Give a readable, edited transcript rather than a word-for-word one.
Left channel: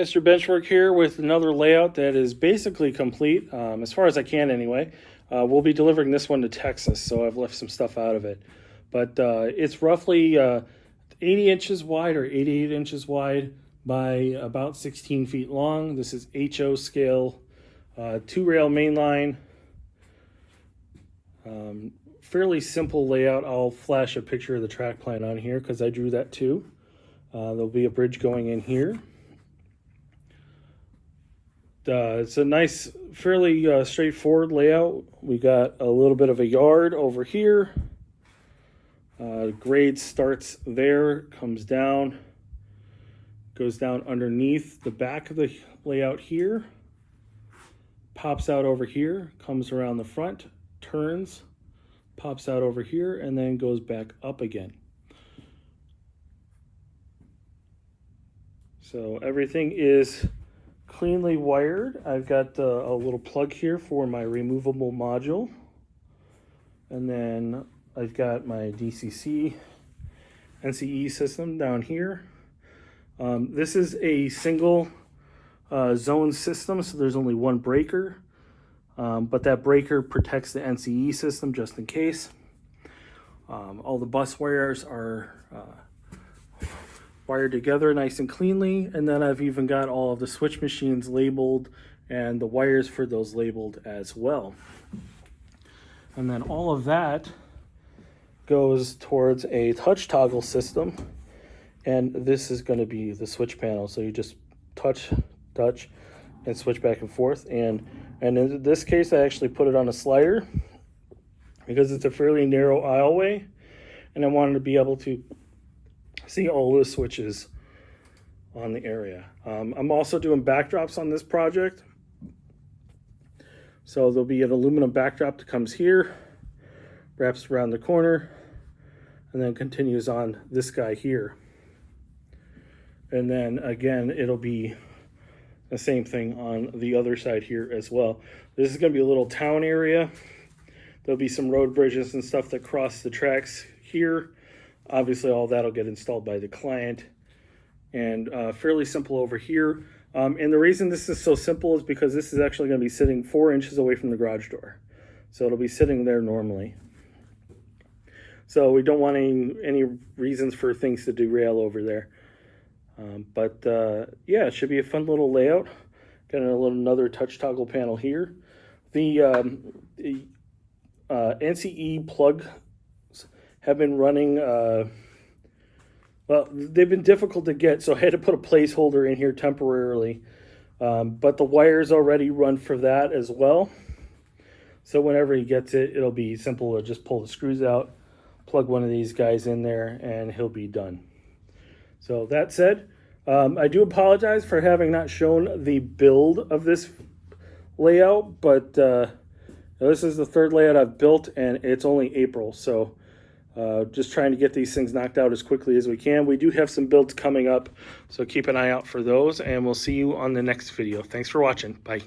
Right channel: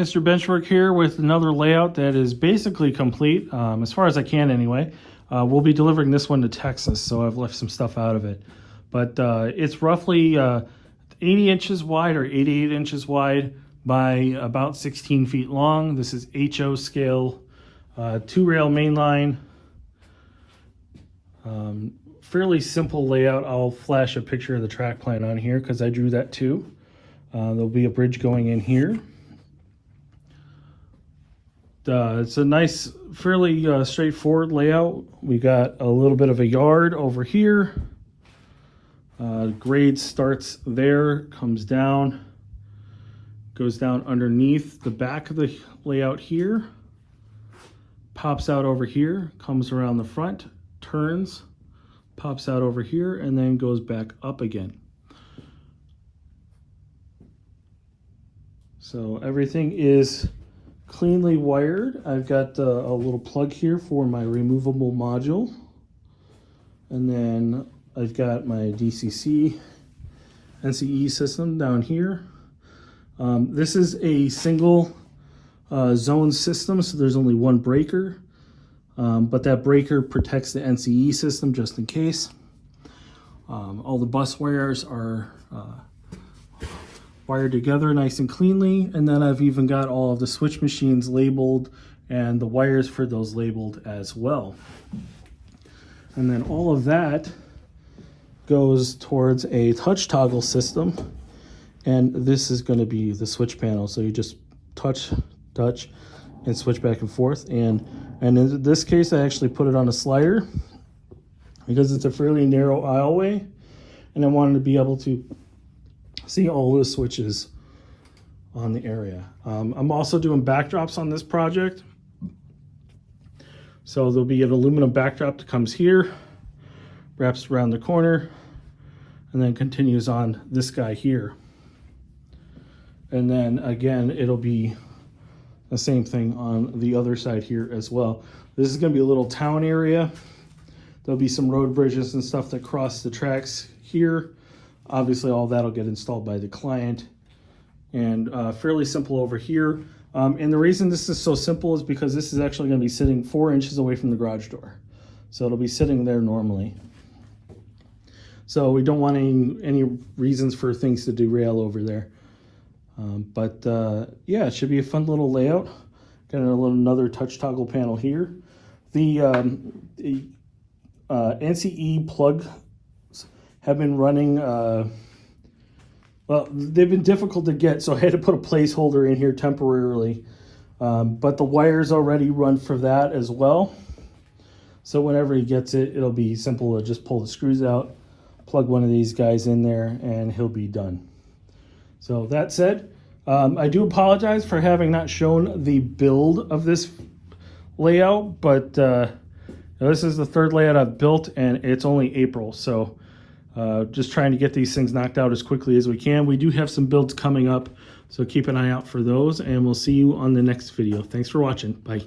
Mr. Benchwork here with another layout that is basically complete, as far as I can anyway. We'll be delivering this one to Texas, so I've left some stuff out of it. But it's roughly 80 inches wide or 88 inches wide by about 16 feet long. This is HO scale, 2-rail mainline. Fairly simple layout. I'll flash a picture of the track plan on here because I drew that too. There'll be a bridge going in here. It's a nice, fairly straightforward layout. We got a little bit of a yard over here. Grade starts there, comes down, goes down underneath the back of the layout here, pops out over here, comes around the front, turns, pops out over here, and then goes back up again. So everything is cleanly wired. I've got a little plug here for my removable module, and then I've got my DCC NCE system down here. This is a single zone system, so there's only one breaker, but that breaker protects the NCE system just in case. All the bus wires are wired together nice and cleanly, and then I've even got all of the switch machines labeled and the wires for those labeled as well. And then all of that goes towards a touch toggle system, and this is going to be the switch panel. So you just touch, and switch back and forth. And in this case, I actually put it on a slider because it's a fairly narrow aisleway, and I wanted to be able to see all the switches on the area. I'm also doing backdrops on this project. So there'll be an aluminum backdrop that comes here, wraps around the corner, and then continues on this guy here. And then again, it'll be the same thing on the other side here as well. This is gonna be a little town area. There'll be some road bridges and stuff that cross the tracks here. Obviously, all that'll get installed by the client, and fairly simple over here. And the reason this is so simple is because this is actually going to be sitting 4 inches away from the garage door. So it'll be sitting there normally. So we don't want any reasons for things to derail over there. Yeah, it should be a fun little layout. Got another touch toggle panel here. The NCE plug have been running, well, they've been difficult to get, so I had to put a placeholder in here temporarily. But the wires already run for that as well. So whenever he gets it, it'll be simple to just pull the screws out, plug one of these guys in there, and he'll be done. So that said, I do apologize for having not shown the build of this layout, but this is the third layout I've built, and it's only April, so just trying to get these things knocked out as quickly as we can. We do have some builds coming up, so keep an eye out for those, and we'll see you on the next video. Thanks for watching. Bye.